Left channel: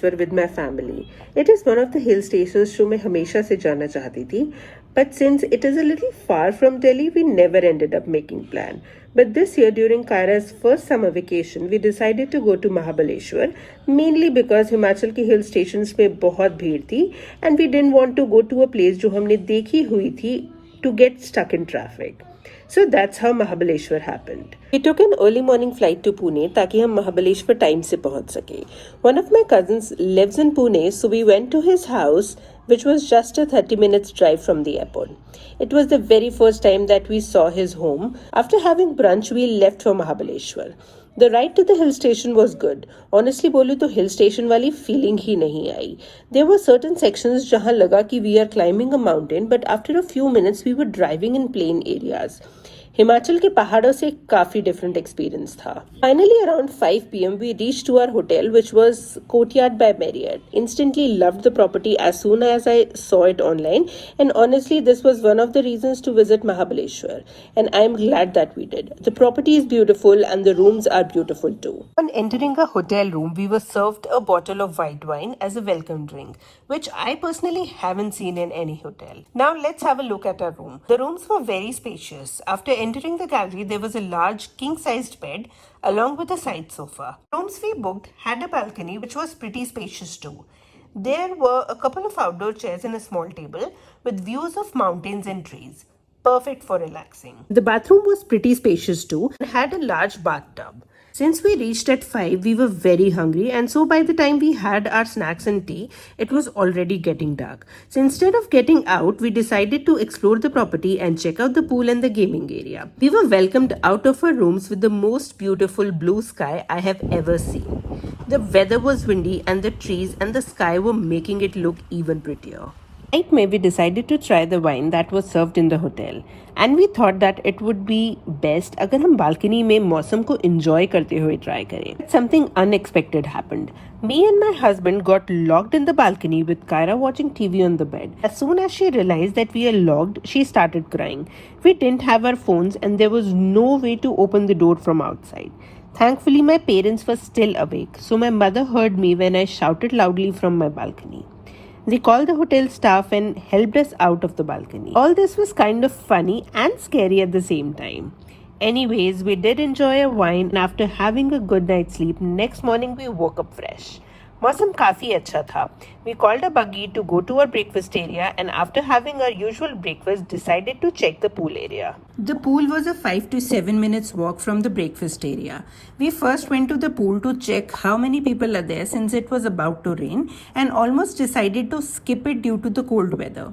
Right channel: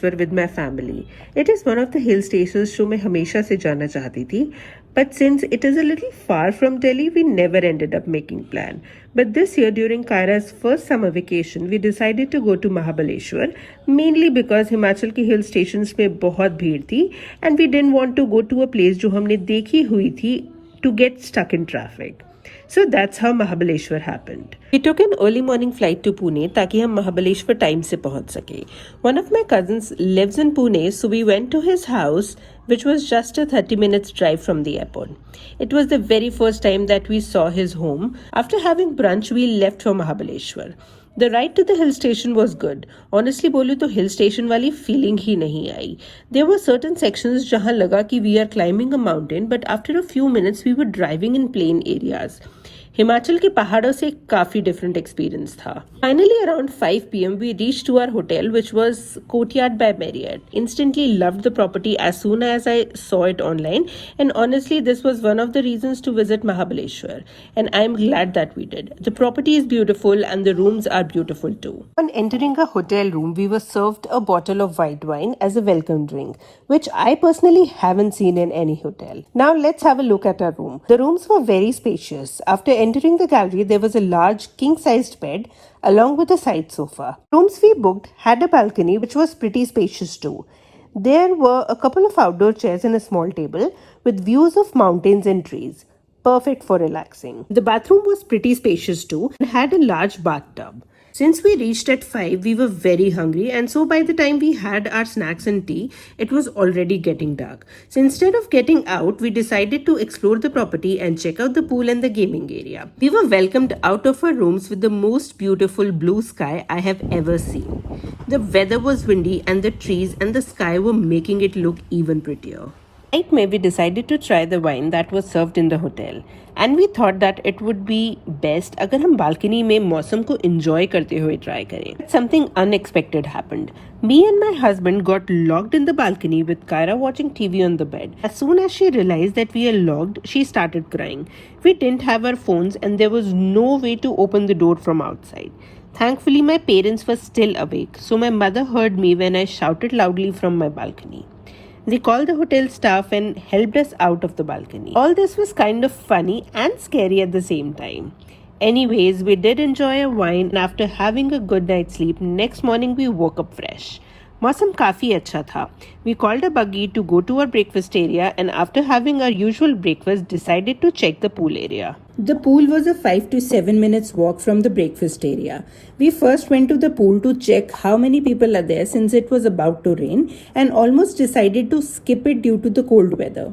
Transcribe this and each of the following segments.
Mahabaleshwar with my family. It is one of the hill stations जो मैं हमेशा से जाना चाहती थी. But since it is a little far from Delhi, we never ended up making plan. But this year during Kaira's first summer vacation, we decided to go to Mahabaleshwar, mainly because Himachal के hill stations में बहुत भीड़ थी and we didn't want to go to a place जो हमने देखी हुई थी to get stuck in traffic. So that's how Mahabaleshwar happened. We took an early morning flight to Pune ताकि हम Mahabaleshwar time से पहुंच सके. One of my cousins lives in Pune, so we went to his house, which was just a 30 minutes drive from the airport. It was the very first time that we saw his home. After having brunch, we left for Mahabaleshwar. The ride to the hill station was good. Honestly बोलूँ तो hill station वाली feeling ही नहीं आई. There were certain sections जहाँ लगा कि we are climbing a mountain, but after a few minutes we were driving in plain areas. Himachal के पहाड़ों से काफी डिफरेंट एक्सपीरियंस था. Finally around 5 p.m. we reached to our hotel, which was Courtyard by Marriott. Instantly loved the property as soon as I saw it online, and honestly this was one of the reasons to visit Mahabaleshwar, and I am glad that we did. The property is beautiful and the rooms are beautiful too. On entering a hotel room, we were served a bottle of white wine as a welcome drink, which I personally haven't seen in any hotel. Now let's have a look at our room. The rooms were very spacious. After entering the gallery, there was a large king-sized bed along with a side sofa. Rooms we booked had a balcony which was pretty spacious too. There were a couple of outdoor chairs and a small table with views of mountains and trees. Perfect for relaxing. The bathroom was pretty spacious too and had a large bathtub. Since we reached at 5, we were very hungry, and so by the time we had our snacks and tea, it was already getting dark. So instead of getting out, we decided to explore the property and check out the pool and the gaming area. We were welcomed out of our rooms with the most beautiful blue sky I have ever seen. The weather was windy and the trees and the sky were making it look even prettier. Night में we decided to try the wine that was served in the hotel, and we thought that it would be best अगर हम balcony में मौसम को enjoy करते हुए try करें. Something unexpected happened. Me and my husband got locked in the balcony with Kaira watching TV on the bed. As soon as she realized that we are locked, she started crying. We didn't have our phones and there was no way to open the door from outside. Thankfully, my parents were still awake, so my mother heard me when I shouted loudly from my balcony. They called the hotel staff and helped us out of the balcony. All this was kind of funny and scary at the same time. Anyways, we did enjoy a wine, and after having a good night's sleep, next morning we woke up fresh. मौसम काफी अच्छा था. We called a buggy to go to our breakfast area, and after having our usual breakfast, decided to check the pool area. The pool was a 5 to 7 minutes walk from the breakfast area. We first went to the pool to check how many people are there since it was about to rain, and almost decided to skip it due to the cold weather.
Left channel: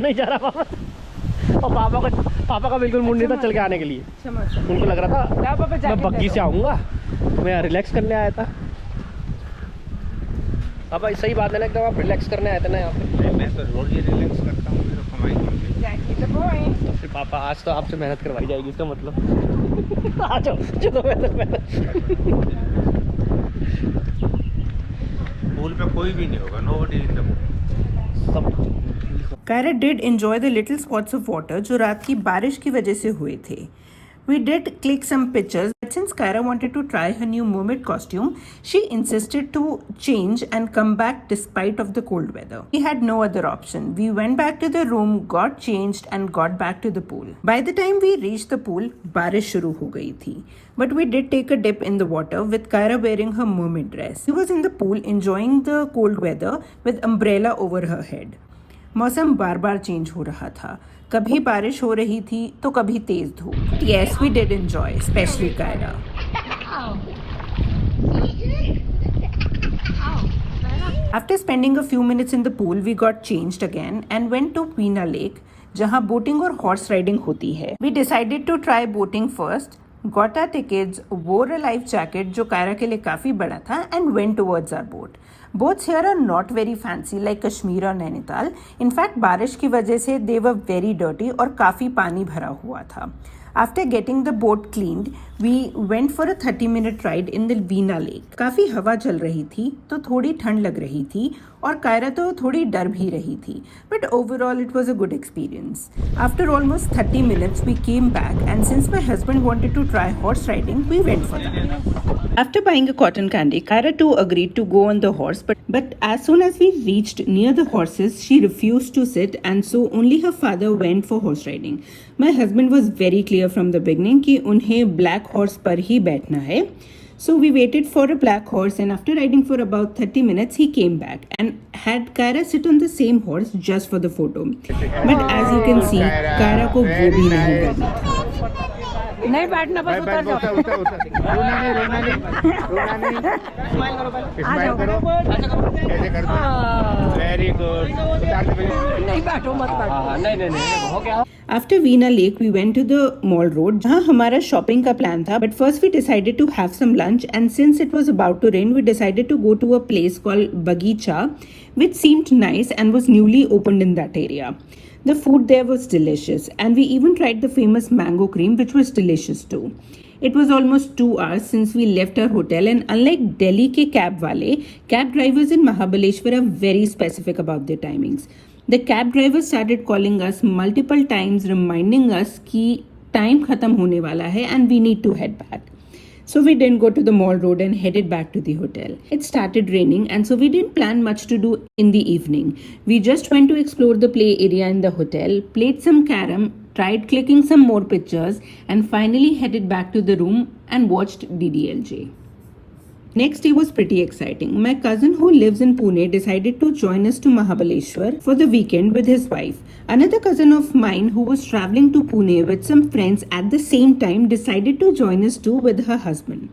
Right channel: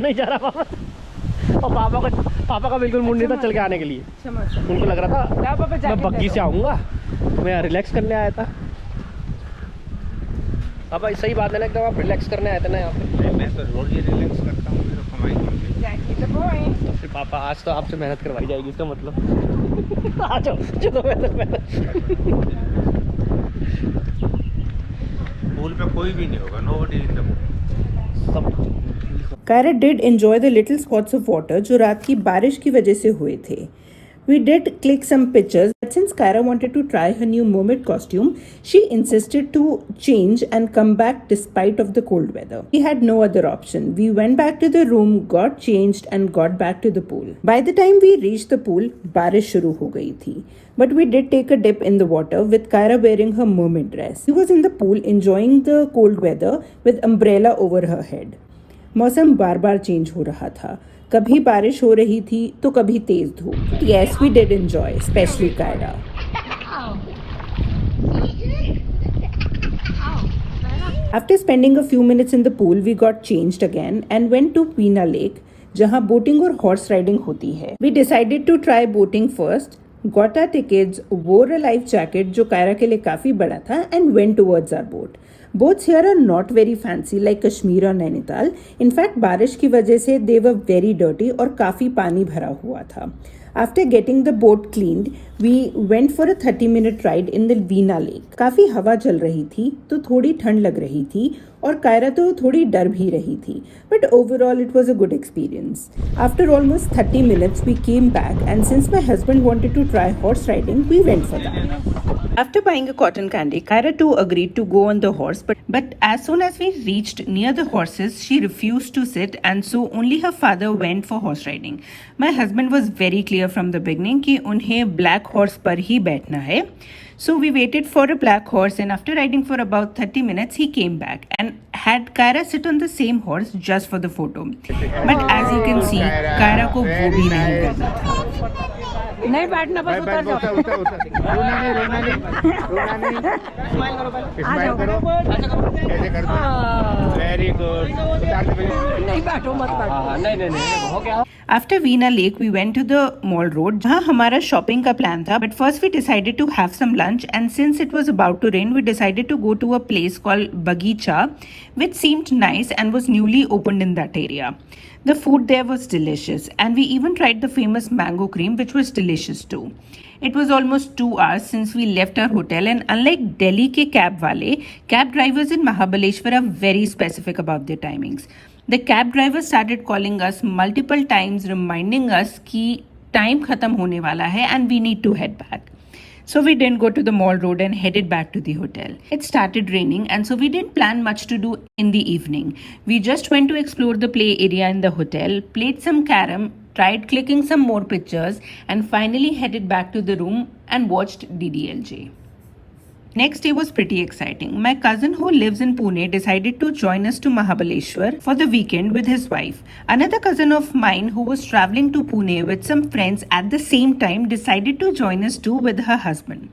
नहीं जा रहा और पापा का बिल्कुल mood नहीं था चल के आने के लिए. उनको लग रहा था मैं बग्गी से आऊँगा, मैं यहाँ रिलैक्स करने आया था. पापा सही बात है ना, एकदम आप रिलैक्स करने आए थे ना यहाँ पे. मैं तो रोज ही रिलैक्स करता हूँ, मेरा कमाई तो फिर पापा आज तो आपसे मेहनत करवाई जाएगी, इसका मतलब आ जाओ चलो मेहनत. पूल पे कोई भी नहीं होगा, nobody in the sub. Kaira did enjoy the little spots of water जो रात की बारिश की वजह से हुए थे. We did click some pictures, but since Kaira wanted to try her new mermaid costume, she insisted to change and come back despite of the cold weather. We had no other option. We went back to the room, got changed and got back to the pool. By the time we reached the pool, बारिश शुरू हो गई थी. But we did take a dip in the water with Kaira wearing her mermaid dress. She was in the pool enjoying the cold weather with umbrella over her head. मौसम बार बार change हो रहा था. कभी बारिश हो रही थी तो कभी तेज धूप. Yes, we did enjoy, especially Kaira. After spending a few minutes in the pool, we got changed again and went to Peena Lake, जहाँ बोटिंग और हॉर्स राइडिंग होती है. We decided to try boating first, got our tickets, wore a life jacket जो कायरा के लिए काफी बड़ा था, and went towards our boat. Boats here are not very fancy like Kashmir or Nainital. In fact, बारिश की वजह से they were very dirty और काफी पानी भरा हुआ था. After getting the boat cleaned, we went for a 30-minute ride in the Veena Lake. काफी हवा चल रही थी तो थोड़ी ठंड लग रही थी और कायरा तो थोड़ी डर भी रही थी. But overall it was a good experience. After almost 30 minutes we came back, and since my husband wanted to try horse riding, we went for that. After buying a cotton candy, Kaira too agreed to go on the horse, but as soon as we reached near the horses, she refused to sit, and so only her father went for horse riding. My husband was very clear from the beginning कि उन्हें black horse पर ही बैठना है. So we waited for a black horse, and after riding for about 30 minutes, he came back and had Kaira sit on the same horse just for the photo. But as you can see, Kaira को वो भी नहीं करना. नहीं बैठना, बस उतर जाओ. रोना नहीं स्माइल करो ऐसे कर दो. Very good. नहीं बैठो, मत बैठो. नहीं हो गया. After Veena Lake, we went to the mall road, जहाँ हमारा shopping का plan था. But first we decided to have some lunch, and since it was about to rain, we decided to go to a place called Bagicha, which seemed nice and was newly opened in that area. The food there was delicious, and we even tried the famous mango cream, which was delicious too. It was almost 2 hours since we left our hotel, and unlike Delhi के cab वाले, cab drivers in Mahabaleshwar are very specific about their timings. The cab driver started calling us multiple times, reminding us कि time खत्म होने वाला है and we need to head back. So we didn't go to the mall road and headed back to the hotel. It started raining, and so we didn't plan much to do in the evening. We just went to explore the play area in the hotel, played some carom, tried clicking some more pictures, and finally headed back to the room and watched DDLJ. Next day was pretty exciting. My cousin who lives in Pune decided to join us to Mahabaleshwar for the weekend with his wife. Another cousin of mine who was traveling to Pune with some friends at the same time decided to join us too with her husband.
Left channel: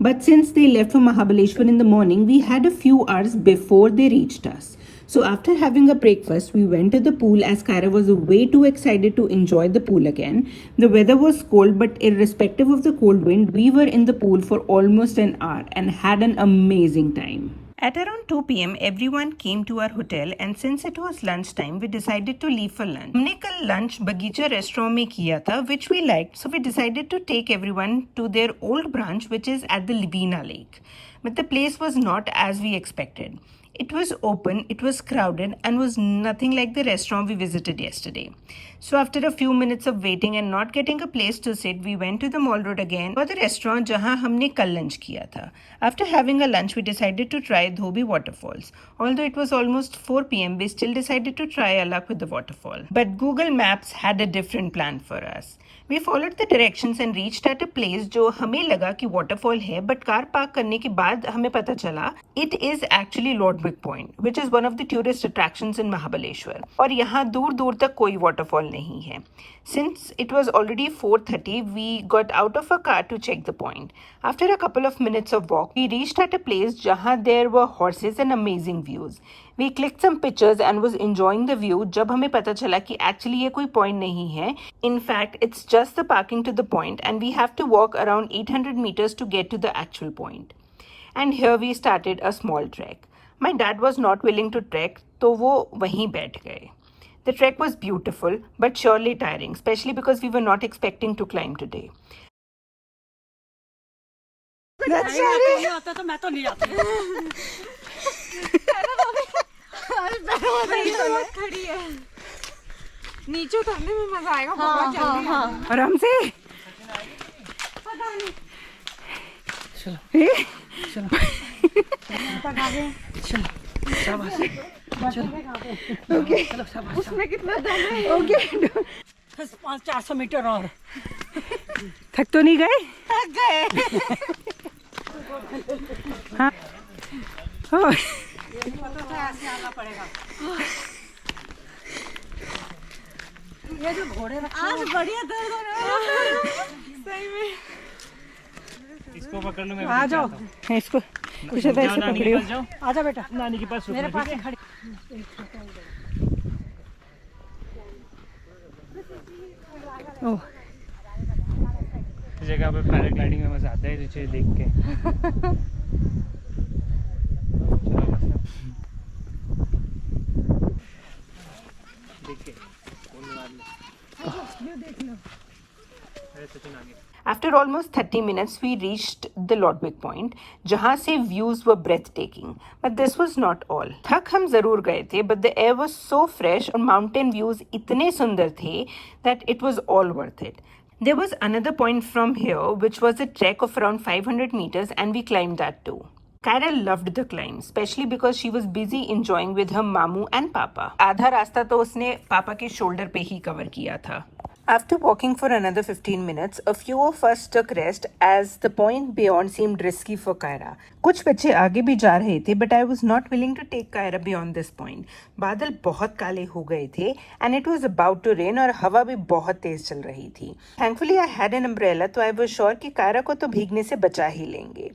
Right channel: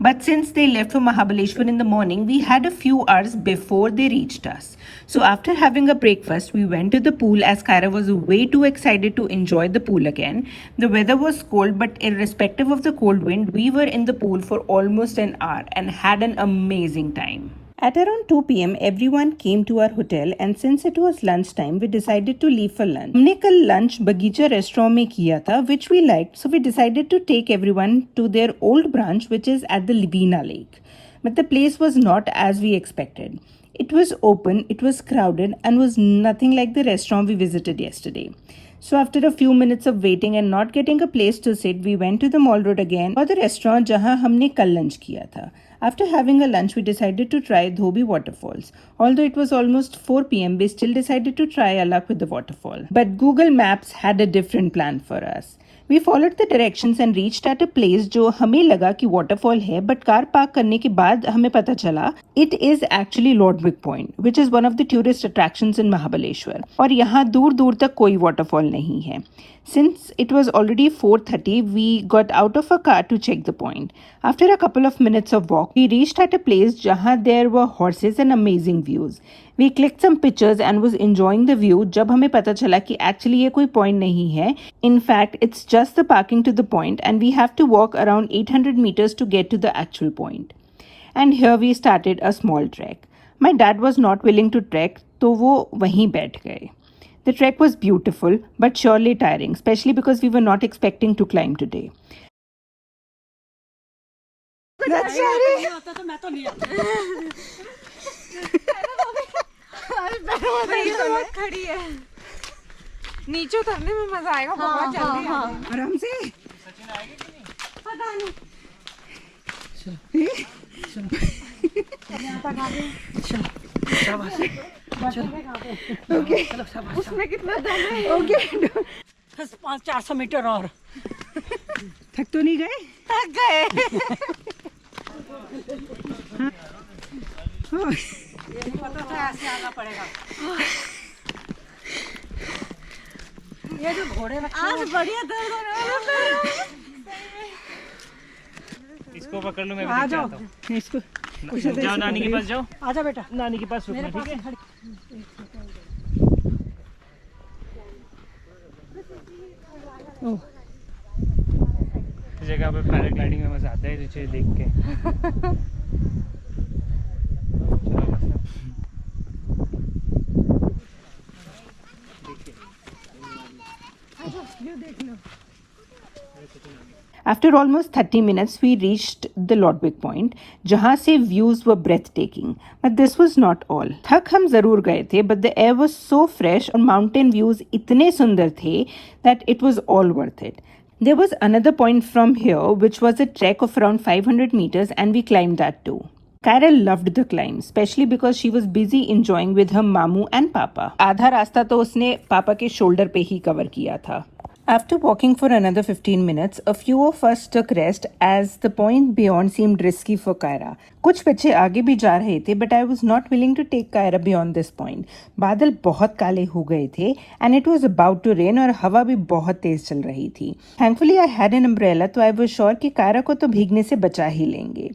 But since they left for Mahabaleshwar in the morning, we had a few hours before they reached us. So after having a breakfast, we went to the pool as Kaira was way too excited to enjoy the pool again. The weather was cold, but irrespective of the cold wind, we were in the pool for almost an hour and had an amazing time. At around 2 p.m, everyone came to our hotel, and since it was lunchtime, we decided to leave for lunch. हमने कल lunch बगीचा restaurant में किया था, which we liked, so we decided to take everyone to their old branch, which is at the Veena Lake. But the place was not as we expected. It was open, it was crowded, and was nothing like the restaurant we visited yesterday. So after a few minutes of waiting and not getting a place to sit, we went to the mall road again for the restaurant जहाँ हमने कल lunch किया था. After having a lunch, we decided to try Dhobi waterfalls. Although it was almost 4 p.m, we still decided to try our luck with the waterfall. But Google Maps had a different plan for us. We followed the directions and reached at a place जो हमें लगा कि waterfall है, but car park करने के बाद हमें पता चला it is actually Lordwick Point, which is one of the tourist attractions in Mahabaleshwar. और यहाँ दूर दूर तक कोई waterfall नहीं है. Since it was already 4:30, we got out of a car to check the point. After a couple of minutes of walk, we reached at a place जहाँ there were horses and amazing views. We clicked some pictures and was enjoying the view जब हमें पता चला कि actually ये कोई point नहीं है. In fact, it's just the parking to the point, and we have to walk around 800 meters to get to the actual point. And here we started a small trek. My dad was not willing to trek, तो वो वहीं बैठ गए. The trek was beautiful, but surely tiring, especially because we were not expecting to climb today. That's नहीं आता तो मैं तो नहीं आता. खड़ी है. नीचे उतरने में मजा आएगा. बहुत जल्दी है. आराम से. पता नहीं. Okay. उसमें कितना दम है? Okay. 400 मीटर और. थक तो नहीं गए? थक गए. हाँ. ऐसे आना पड़ेगा. ये जो घोड़े रखे आज बढ़िया दर्द हो रहा है. इसको पकड़ लो. मैं आ जाओ. इसको जाओ नानी के पास जाओ. आजा बेटा. नानी के पास मेरे रुकना. पास ठीक है. खड़ी. ओह. इस जगह पे पैराग्लाइडिंग में मजा आता है ये चीज देख के. चलो बस. व्यू देख लो. After almost 30 minutes, we reached the Lodwick Point, जहाँ से views were breathtaking. But this was not all. थक हम जरूर गए थे, but the air was so fresh और mountain views इतने सुंदर थे that it was all worth it. There was another point from here, which was a trek of around 500 meters, and we climbed that too. Kyra loved the climb, especially because she was busy enjoying with her mamu and papa. आधा रास्ता तो उसने पापा के shoulder पे ही cover किया था. After walking for another 15 minutes, a few of us took rest as the point beyond seemed risky for Kyra. कुछ बच्चे आगे भी जा रहे थे, but I was not willing to take Kyra beyond this point. बादल बहुत काले हो गए थे, and it was about to rain और हवा भी बहुत तेज चल रही थी. Thankfully, I had an umbrella, तो I was sure कि Kyra को तो भीगने से बचा ही लेंगे.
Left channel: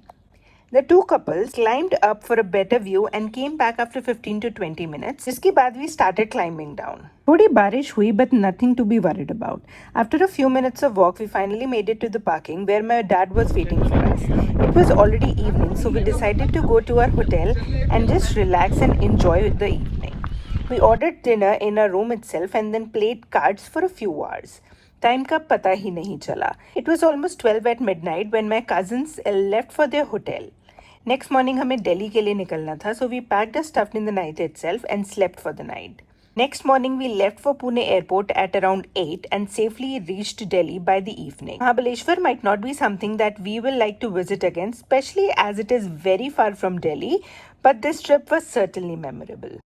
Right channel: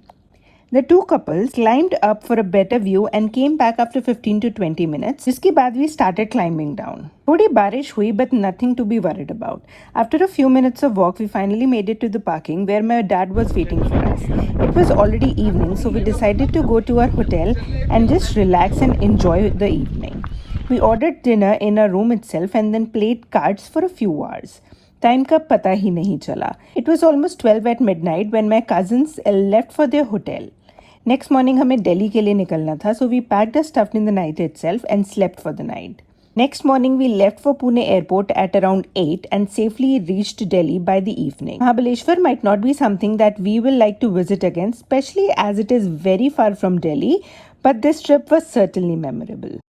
The two couples climbed up for a better view and came back after 15 to 20 minutes, जिसके बाद we started climbing down. थोड़ी बारिश हुई, but nothing to be worried about. After a few minutes of walk, we finally made it to the parking where my dad was waiting for us. It was already evening, so we decided to go to our hotel and just relax and enjoy the evening. We ordered dinner in our room itself and then played cards for a few hours. Time का पता ही नहीं चला. It was almost 12 at midnight when my cousins left for their hotel. Next morning हमें दिल्ली के लिए निकलना था, so we packed our stuff in the night itself and slept for the night. Next morning we left for Pune airport at around 8 and safely reached Delhi by the evening. Mahabaleshwar might not be something that we will like to visit again, especially as it is very far from Delhi, but this trip was certainly memorable.